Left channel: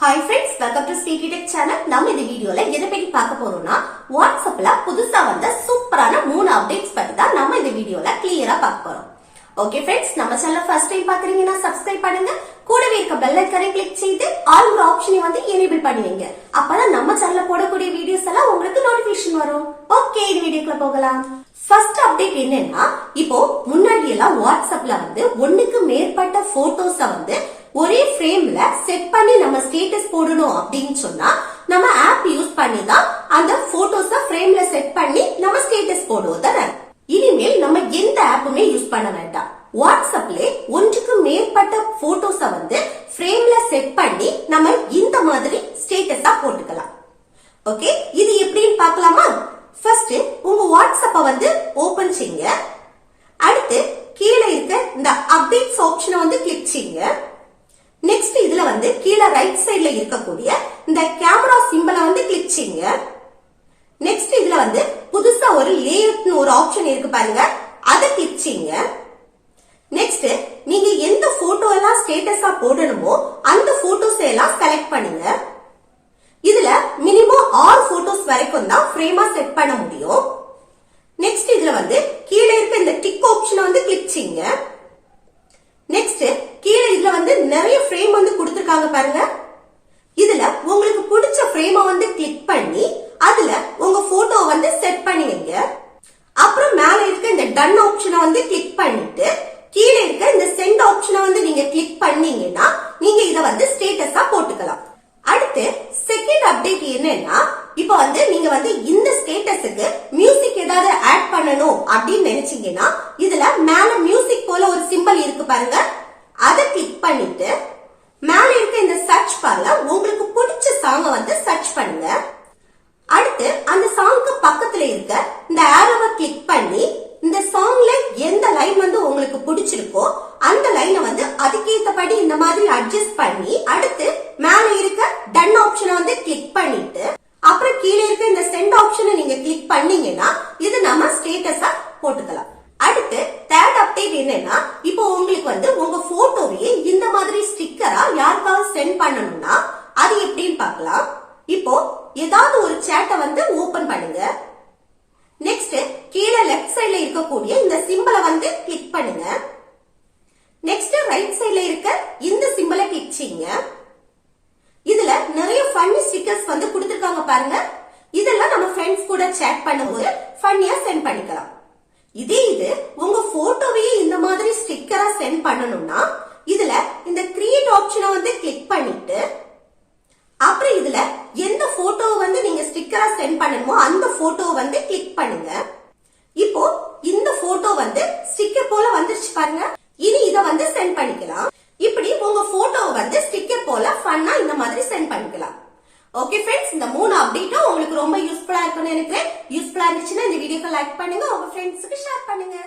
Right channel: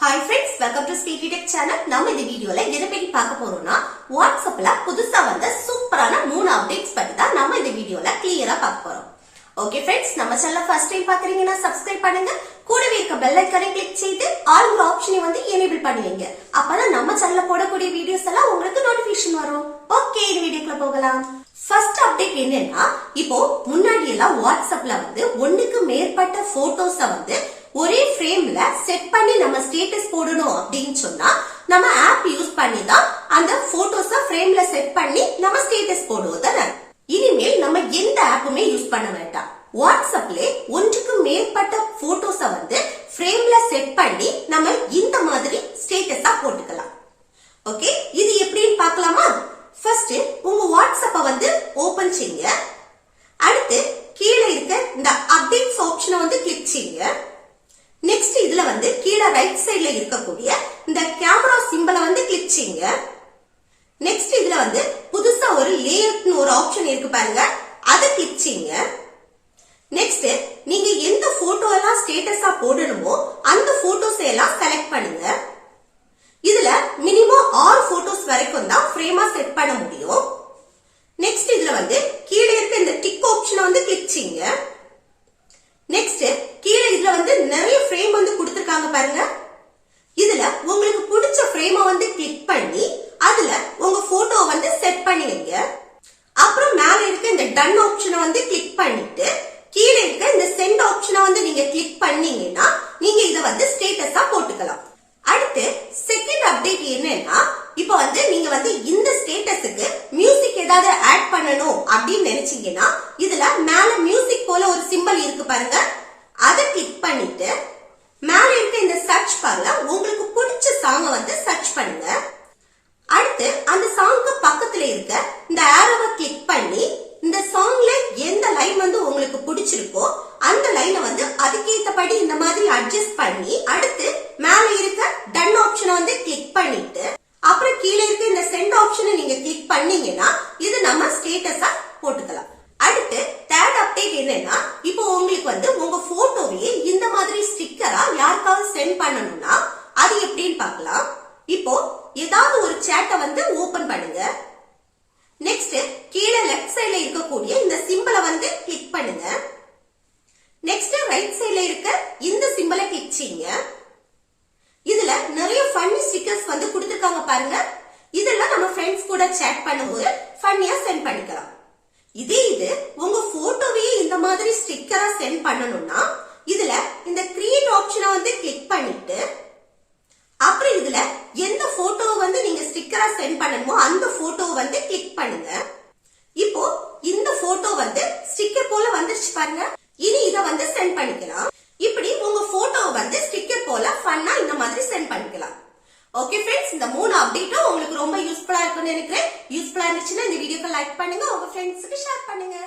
Hi friends, welcome to Speaky Tech channel. நம்ம இந்த வீடியோல எதை பத்தி பார்க்க போறோம்னா வாட்ஸ்அப்ல புதுசா வந்த சூப்பரான 3 அப்டேட்ஸ் பத்தி தான் நம்ம இந்த வீடியோல கிளியரா பார்க்க போறோம். ஓகே फ्रेंड्स, நம்ம சேனலை ஃபர்ஸ்ட் டைம் பாக்குறீங்கன்னா சப்ஸ்கிரைப் பண்ணுங்க. கூடவே இருக்க பெல் ஐகானை கிளிக் செய்து ஆல்ங்கிற ஆப்ஷனை வந்து எனேபிள் பண்ணுவீங்க. அப்பதான் நம்ம சேனல்ல போடக்கூடிய வீடியோஸ் எல்லாம் உங்களுக்கு நோட்டிபிகேஷன் வரும். ஓகே, இந்த வீடியோக்குள்ள போகலாம். ஃபர்ஸ்ட் அப்டேட் என்னன்னா, இப்போ முன்னாடி எல்லாம் வாட்ஸ்அப்ல வந்து ஒண்ணுக்கு மேற்பட்ட போட்டோஸ வந்து ஒரே ஃப்ரேம்ல செட் பண்ணி நம்ம ஸ்டேட்டஸ் போடணும் அப்படின்னு சொன்னா நம்ம ஆப் யூஸ் பண்ணி தான் அந்த போட்டோஸ ஃப்ரேம்ல செட் பண்ணி நம்ம ஸ்டேட்டஸ் போடுவோம் தானே. இனிமேல் நம்ம எந்த ஆப்புமே யூஸ் பண்ண வேண்டாம். வாட்ஸ்அப்ல ஒன்றுக்கு மேற்பட்ட போட்டோஸ வந்து ஃப்ரேம்ல செட் பண்ணி நம்ம இந்த மாதிரி ஸ்டேட்டஸா போட்டுக்கலாம். ஓகே, இது எப்படின்னு பார்க்கலாமா? ஃபர்ஸ்ட் உங்க வாட்ஸ்அப்ப வந்து ஓபன் செய்யுங்க. அடுத்து கீழே இருக்க இந்த அப்டேட்ஸ் ஆப்ஷனை வந்து கிளிக் செய்யுங்க. நெக்ஸ்ட் இதுல வந்து கீழே ரைட் சைடுல இருக்கக்கூடிய இந்த கேமரா சிம்பலை வந்து கிளிக் செய்யுங்க. நெக்ஸ்ட் இதுல வந்து புதுசா ஒரு லேஅவுட்னு ஒரு ஆப்ஷன் இருக்கு பாருங்க, அதை கிளிக் செய்யுங்க. நெக்ஸ்ட் நீங்க எந்த போட்டோ எல்லாம் ஸ்டேட்டஸா போடணுமோ அந்த போட்டோஸ் எல்லாம் செலக்ட் பண்ணுங்க. இதுல மினிமம் 6 போட்டோஸ் வரைக்கும் தான் ஃப்ரேமா செட் பண்ண முடியும். நெக்ஸ்ட் இதுல வந்து கீழே இருக்க இந்த டிக் ஆப்ஷனை வந்து கிளிக் செய்யுங்க. நெக்ஸ்ட் கீழே இதுல வந்து நிறைய ஃப்ரேம் வந்து கொடுத்திருக்காங்க பாருங்க. இதுல உங்களுக்கு பிடிச்ச ஃப்ரேமை வந்து கிளிக் பண்ணி அதுல உங்க போட்டோ வந்து செட் பண்ணி வைங்க. அப்புறம் மேல இருக்க இந்த டன் ஆப்ஷனை வந்து கிளிக் பண்ணிட்டு கீழே இருக்க இந்த சென்ட் ஆப்ஷனை வந்து நீங்க கிளிக் பண்ணீங்கன்னா நீங்க இத வந்து ஸ்டேட்டஸா போட்டுக்கலாம். அடுத்து செகண்ட் அப்டேட் என்னன்னா, இப்போ வந்து நீங்க வந்து இந்த ஸ்டேட்டஸுக்கு மியூசிக் ஏதாவது ஆட் பண்ணணும் அப்படின்னு நினைச்சீங்கன்னா இதுல மேல மியூசிக் போல ஒரு சிம்பல் இருக்கு பாருங்க, அதை கிளிக் பண்ணிட்டு மேல இருக்க இந்த சர்ச் பார்ல உங்களுக்கு பிடிச்ச சாங்கை வந்து சர்ச் பண்ணுங்க. அடுத்து அந்த சாங்க்கு பக்கத்துல இருக்க இந்த ஆரோவை கிளிக் பண்ணி இந்த சாங்ல எந்த லைன் வந்து உங்களுக்கு பிடிச்சிருக்கோ அந்த லைனை வந்து அதுக்கேற்றபடி இந்த மாதிரி அட்ஜஸ்ட் பண்ணி அடுத்து மேல இருக்க டன் ஆப்ஷனை வந்து கிளிக் பண்ணிட்டு அப்புறம் கீழே இருக்க இந்த சென்ட் ஆப்ஷனை நீங்க கிளிக் பண்ணீங்கன்னா இது நம்ம ஸ்டேட்டஸா போட்டுக்கலாம். அடுத்து தேர்ட் அப்டேட் என்னன்னா, இப்போ உங்களுக்கு வந்து உங்க போட்டோவையே இந்த மாதிரி ஸ்டிக்கரா யாருக்காவது சென்ட் பண்ணணும்னா அது எப்படின்னு பார்க்கலாம். இப்போ ஏதாவது ஒரு சேட்டை வந்து ஓபன் பண்ணுங்க. நெக்ஸ்ட் கீழே லெஃப்ட் சைடுல இருக்கக்கூடிய இந்த சிம்பலை வந்து கிளிக் பண்ணுங்க. நெக்ஸ்ட் ரைட் சைடுல இருக்க இந்த சிம்பலை கிளிக் செய்யுங்க. இதுல நிறைய ஃபன்னி ஸ்டிக்கர்ஸ் வந்து கொடுத்திருக்காங்க பாருங்க. இதெல்லாம் நம்ம ஃப்ரெண்ட்ஸ் கூட சேட் பண்ணும்போது ஃபன்னியா சென்ட் பண்ணிக்கலாம். இதே இது உங்க போட்டோவையே இந்த மாதிரி ஸ்டிக்கரா சென்ட் பண்ணணும்னா இதுல இந்த கிரியேட் ஆப்ஷனை வந்து கிளிக் பண்ணிட்டு அப்புறம் இதுல எந்த போட்டோ வந்து நீங்க ஸ்டிக்கரா சென்ட் பண்ணணுமோ அந்த போட்டோவை வந்து கிளிக் பண்ணுங்க. இப்போ இந்த போட்டோ வந்து ஸ்டிக்கர் போல வந்துருச்சு பாருங்க. இனி இத வந்து சென்ட் பண்ணிக்கலாம். இப்படி உங்க போட்டோவை வந்து ஸ்டிக்கர் போல ஃபன்னா இந்த மாதிரி சென்ட் பண்ணிக்கலாம். ஓகே फ्रेंड्स, இந்த 3 அப்டேட்டும் உங்களுக்கு ரொம்ப யூஸ்ஃபுல்லா இருக்கும்னு நினைக்கிறேன். யூஸ்ஃபுல்லா இருந்துச்சுன்னா இந்த வீடியோக்கு லைக் பண்ணுங்க, உங்க ஃப்ரெண்ட்ஸ்க்கு ஷேர் பண்ணுங்க.